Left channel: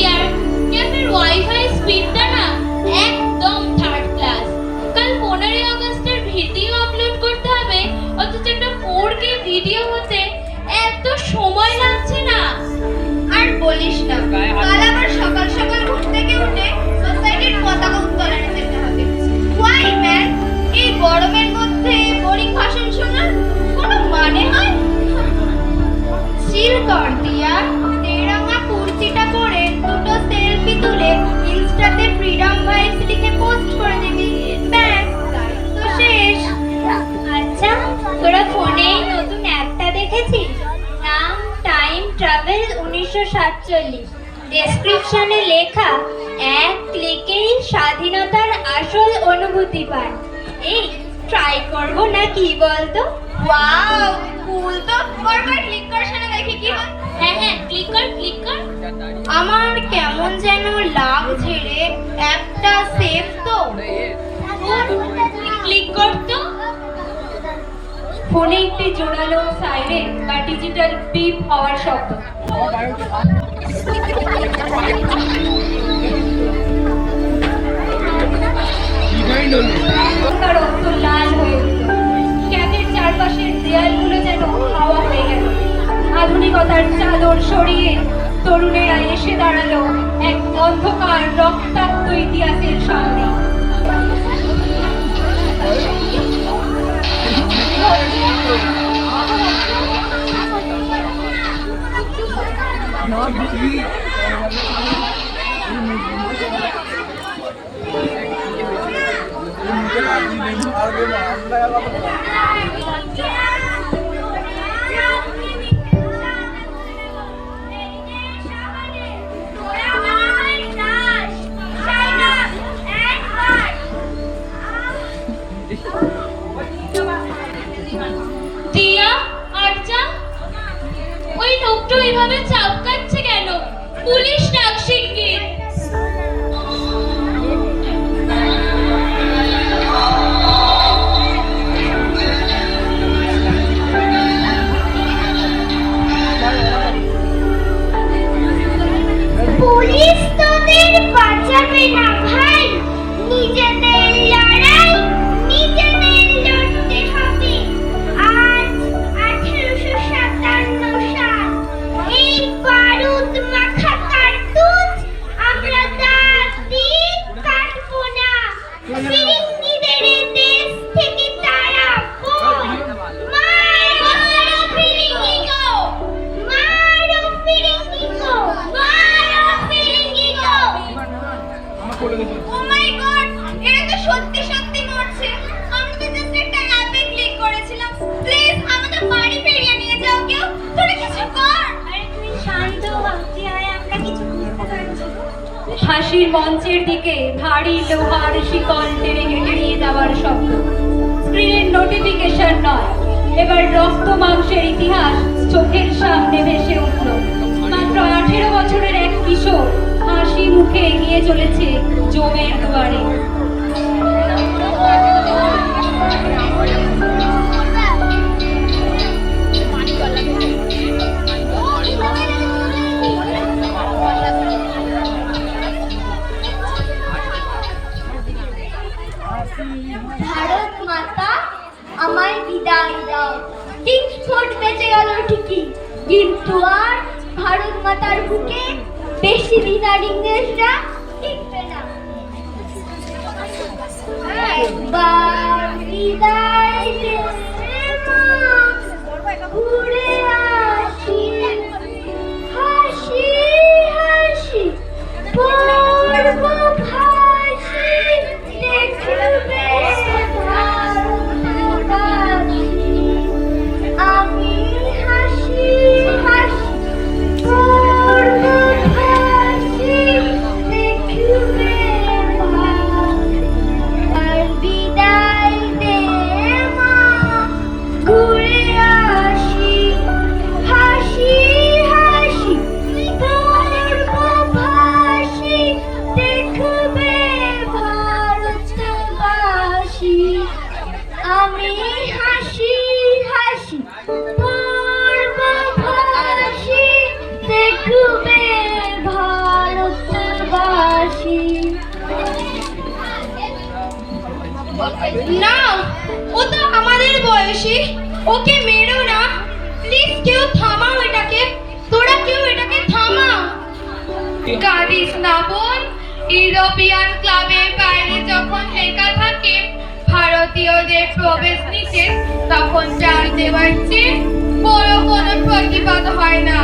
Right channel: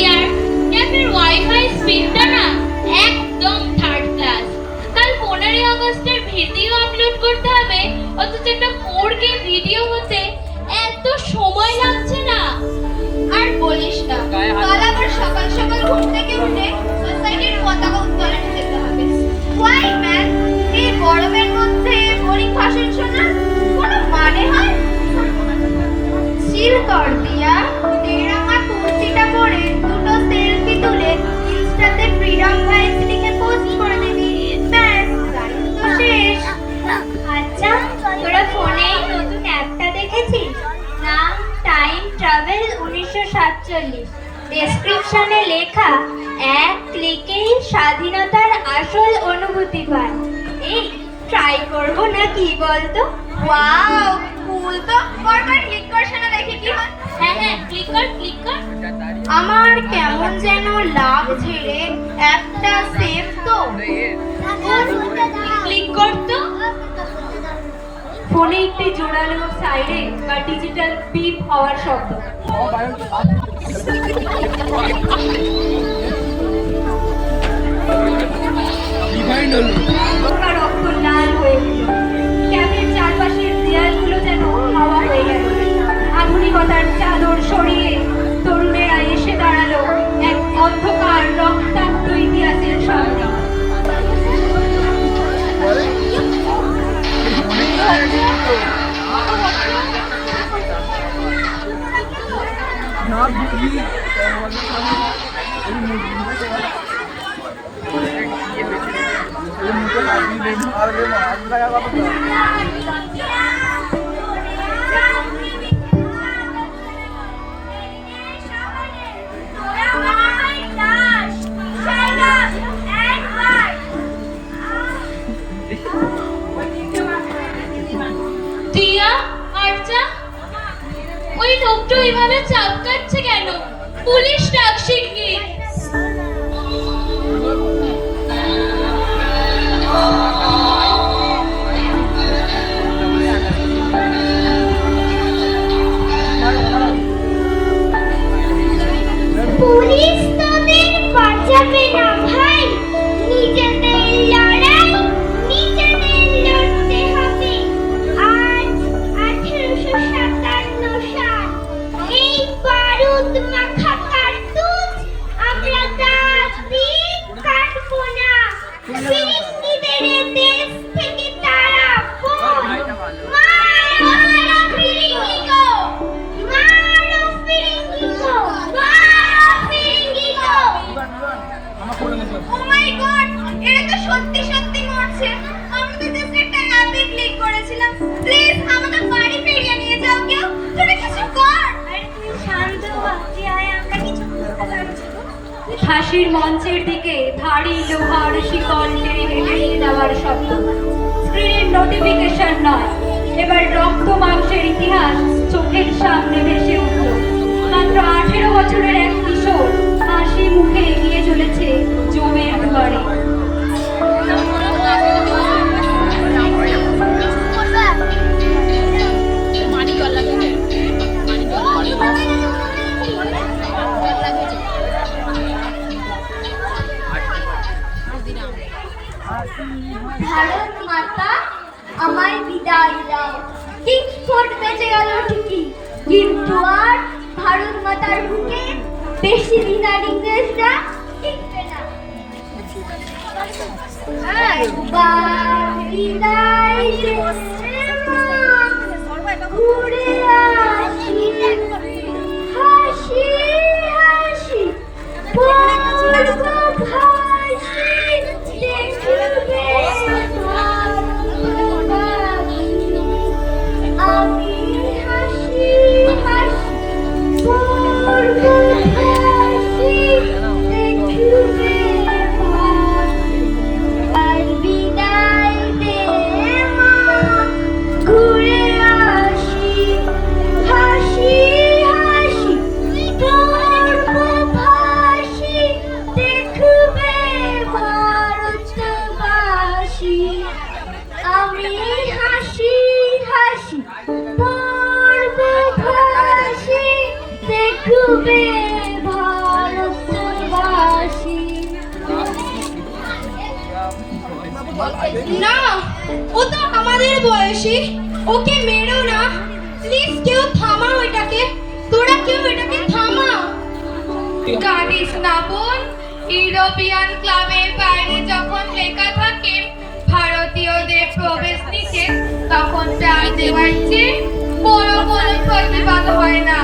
ইয়ার, ক্যাফের wifi স্পিডটা না একদম থার্ড ক্লাস। কাল 15 আগস্টের ভিডিও আপলোড করতে হবে, অথচ একটা 4K ভিডিও হতে এত সময় লাগছে না। আর বলিস না, কাল আবার সকাল সকাল ঘুম থেকে উঠে সোসাইটির পতাকা উত্তোলনে যেতে হবে। ওয়াই ম্যান, এই গরমের মধ্যে বোরিং ভাষণ শোনার কোনো মানে হয়? চিল কর দিয়া, তেরাঙা কুর্তিটা পরে দুটো সেলফি তুলে ইনস্টাতে ফ্রিডম ভাইবস লিখে পোস্ট করে দিবি, ব্যাস তো শেষ। আচ্ছা, তোরা ফোনে নতুন অ্যাপটা দেখেছিস? নাম টাইম ট্রাভেল 1947। ডেসক্রিপশনে লেখা, এক ক্লিকেই স্বাধীনতার আসল অনুভূতি পান। এই ট্রাই করব না কি বলতো? ওয়াও, কুল তো। বারবার ক্লিক কর, শোনা দেখি কি হয়। হ্যাঁ হ্যাঁ, ক্লিক কর ক্লিক কর। আমার কেমন যেন লাগছে রে, অ্যাপটা সেফ তো? ক্লিক কর তো। ফোনে একটি জোরালো সাইরেন বা ডিজিটাল বিপ হওয়ার শব্দ। ওটা রক্ত লাল হয়ে উঠল। ক্যাফের চারপাশের দেয়ালগুলো যেন হাওয়া হয়ে গেল। আধুনিকতার চাদর সরিয়ে তরুণেরা এসে দাঁড়ালো এক অন্ধকার রক্তাক্ত ইতিহাসের সামনে। দিয়া, আচ্ছা ওই লোকটা ওইভাবে চাপকাচ্ছে কেন? পুলিশ ডাক শিগগির। পুলিশ তোদের বাঁচাবে না ভাই, নিজেদের লড়াই নিজেদের লড়তে হবে। আজ 1857 সাল, এই বারুদ মাখা কার্তুজ আমরা দাঁত দিয়ে কাটবো না। ফিরিঙ্গিদের দেশ থেকে তাড়াবো। মারো ফিরিঙ্গিগো, মারো ফিরিঙ্গিগো, মারো ফিরিঙ্গিগো। ও মাই গড, এরা তো সত্যি সত্যি মরছে। আমরা তো জাস্ট একটা অ্যাপে ক্লিক করেছিলাম। প্লিজ আমাদের বাড়ি ফিরিয়ে নিয়ে যাও কেউ, তোরা কিছু কর। আরে তুই শান্ত হ, কি হয় আমরা কিছু বুঝতে পারছি না। হাসির মঞ্চের দিকে ভারী লোহার শিকল টেনে হেঁটে নিয়ে যাওয়ার শব্দ। স্ক্রিনের নোটিফিকেশন নয়, এবার রক্ত মাংসের ইতিহাস চোখের সামনে ভেসে উঠল। মাত্র 18 বছরের এক কিশোর হাসি মুখে এগিয়ে চলেছে জমের দুয়ারে। ভারত মাতা আমায় বিদায় দাও। কিংসফোর্ড বেঁচে গেল ঠিকই, কিন্তু আর ভারত মাতার বুকে বেশি দিন আর ইংরেজরা টিকবে না। একবার বিদায় দে মা, ঘুরে আসি হাসি হাসি পূর্ব ভাসি দেখবে আমি হাসি হাসি পূর্ব ভাসি দেখবে আর বিদায় দে মা। না, ও তো আমাদের বয়সী, ওকে মেরো না প্লিজ, কেউ থামাও এটাকে, তোরা কেউ এটাকে থামা। কাঁদিস না বোন, ইউরোপিয়ান ক্লাবের বাইরে যখন লেখা থাকে ভারতীয়দের প্রবেশ নিষেধ, তখন চাল দেওয়ার চেয়ে বড় কোনো প্রতিবাদ হয় না।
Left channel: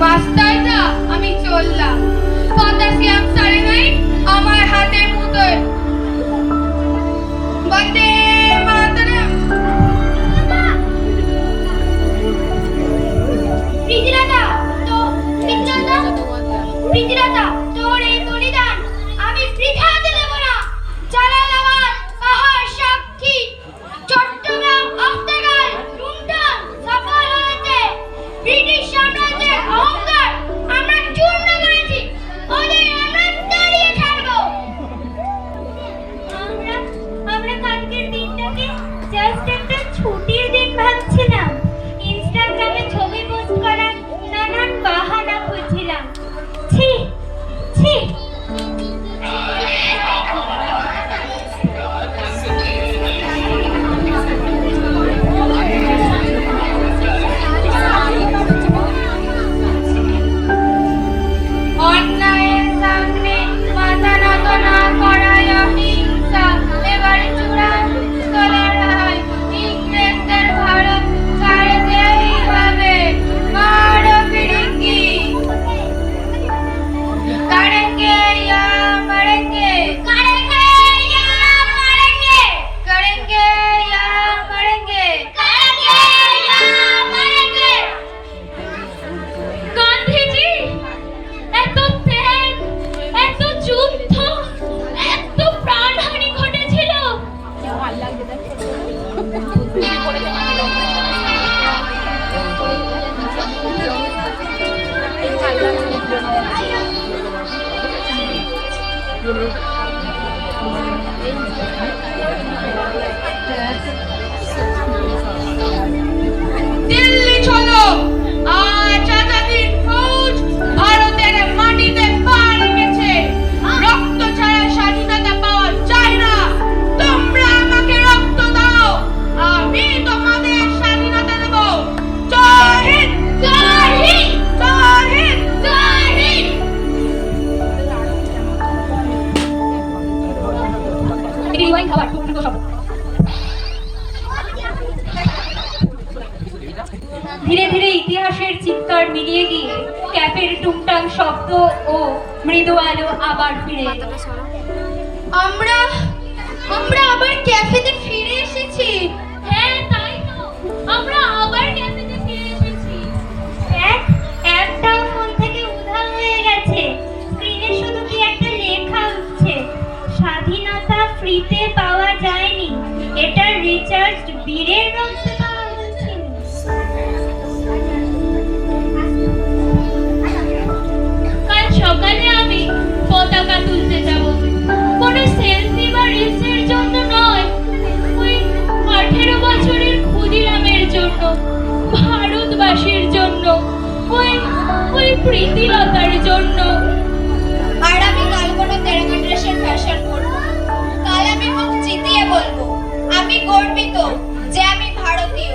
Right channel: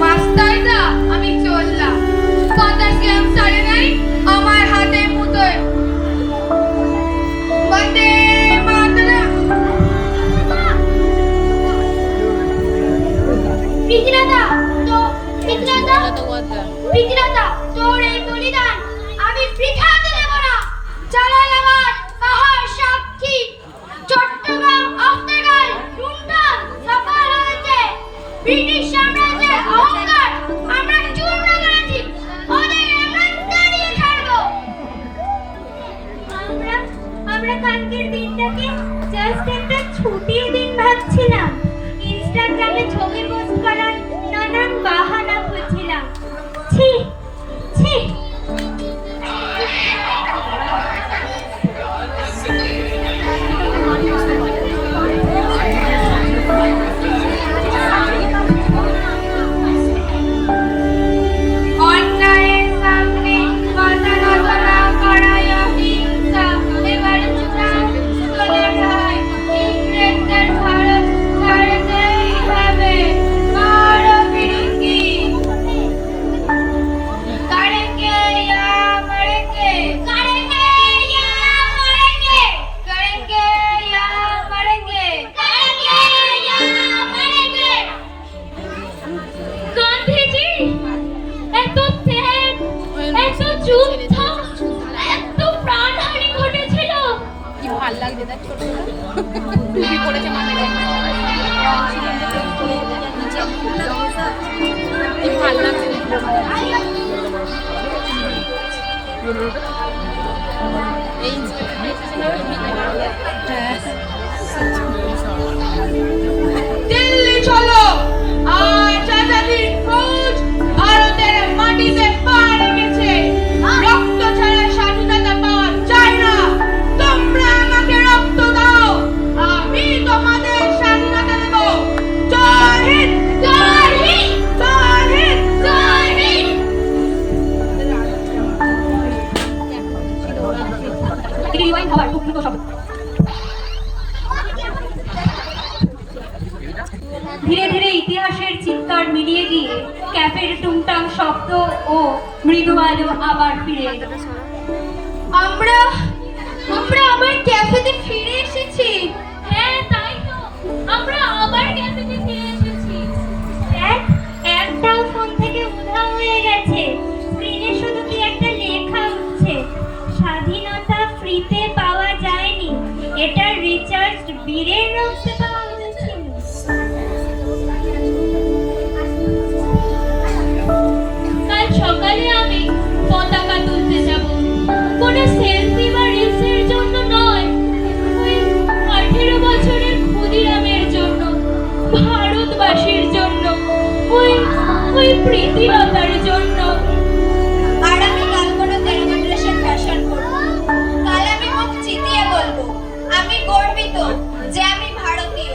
বাস্তাইদা, আমি চললাম। পটাশিয়াম সায়ানাইড আমার হাতের মুঠোয়। বন্দে মাতরম। প্রীতিলতা, তোর এই বলিদান আমি বৃথা হতে দেব না। জালালাবাদ কাহার সাক্ষী, চট্টগ্রাম অফতাগাল লুণ্ঠন সফল হয়েছে। ব্রিটিশ সাম্রাজ্যের অহংকার আমরা চূর্ণ করেছি, ওদের আমরা তাড়িয়ে ছাড়বো। আমরা কালকের দিনটাকে জাস্ট একটা ছুটির দিন ভাবছিলাম। ইনস্টাগ্রামে ছবি পোস্ট করার নানান বাহানা খুঁজছিলাম। ছি ছি, অন্যায়ের সামনে মাথা নত না করায় অহিংসা এবার চূড়ান্ত লড়াই। ইংরেজদের ভারত ছাড়তেই হবে। মারো ফিরিঙ্গি। करेंगे या मरेंगे, करेंगे या मरेंगे, करेंगे या मरेंगे, करेंगे या मरेंगे। গান্ধীজি, এত ত্যাগ, এত যুদ্ধ, এত প্রাণহানি ঘটেছিল। দিল্লি চলো, আজ আজাদির ফৌজ ভারতের মাটিতে পা রেখেছে। রক্ত ছাড়া স্বাধীনতা পাওয়া যায় না। তোমরা আমাকে রক্ত দাও, আমি তোমাদের স্বাধীনতা দেব। জয় হিন্দ, জয় হিন্দ, জয় হিন্দ, জয় হিন্দ। রিওয়াইন খাবার খুব প্রিয় শব্দ। ধীরে ধীরে ইতিহাসের চিৎকার মিলিয়ে গিয়ে ক্যাফের টুংটাং শব্দ ও মৃদু আলো আবার ফিরে এলো। আমরা আবার ক্যাফেতে ফিরে এসেছি। হ্যাঁ, তাই তো, আমরা আবার ক্যাফেতে ফিরে এসেছি। অ্যাপটাও ফোন থেকে উধাও হয়ে গেছে। স্ক্রিনে শুধু কি একটা লেখা উঠছে, স্বাধীনতা ফ্রিতে পাওয়া যায়নি, এটা রিচার্জ বীরের রক্তে পাওয়া হয়েছিল। কাল সকালে আমি পতাকা তুলতে যাব। কোনো সেলফি বা রিলসের জন্য নয়, ওই 18 বছরের ক্ষুদিরামের জন্য, ভারতবাসীর জন্য, ওই প্রীতিলতার জন্য। আর আমি কাল কোনো তেরোটা ড্রেসের ফ্যাশন করবো। কাল আমি মুখ চিতিয়ে বলবো, আমি গর্বিত যে আমি ভারতীয়।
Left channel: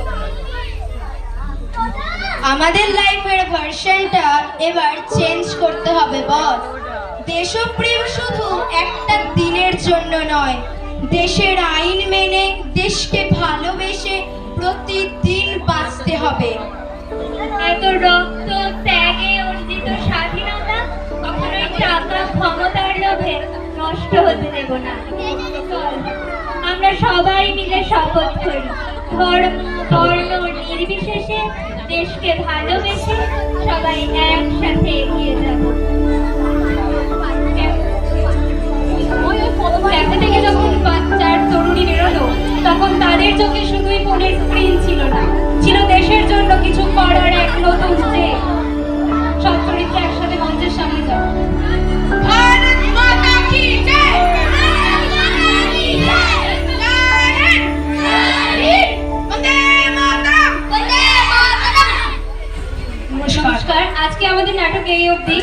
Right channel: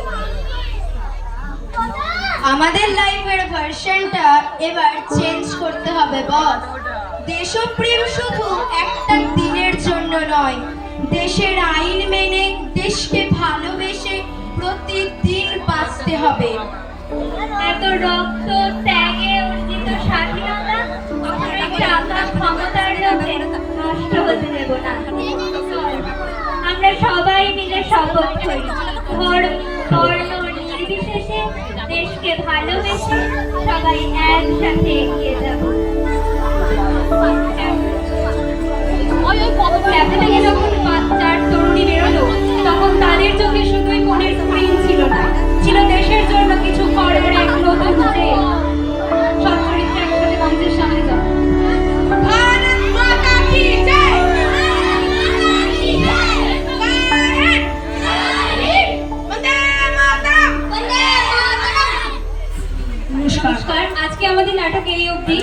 আমাদের লাইফের ভার্সনটা এবার চেঞ্জ করতে হবে বস। দেশপ্রেম শুধু একটা দিনের জন্য নয়, দেশের আইন মেনে দেশকে ভালোবেসে প্রতিদিন বাঁচতে হবে। এত রক্ত ত্যাগে অর্জিত স্বাধীনতা কখনোই টাকা ক্ষমতার লোভে নষ্ট হতে দেব না। চল, আমরা সবাই মিলে শপথ করি, ধর্ম বর্ণ নির্বিশেষে দেশকে ভালোবেসে সবাই একসাথে এগিয়ে যাব। ক্যাফে থেকে যখন বাচ্চার তরুণী বেরোলো, তখন তাদের চোখে শুধুই ফোনের স্ক্রিন ছিল না, ছিল দেশের জন্য কিছু করার এক নতুন জেদ। সব চরিত্র একসাথে মঞ্চের সামনে যাও। भारत माता की जय, भारत माता की जय, जय हिंद, जय हिंद, वंदे मातरम, वंदे मातरम। নমস্কার, আজকে আমাদের নাটক এই অবধি।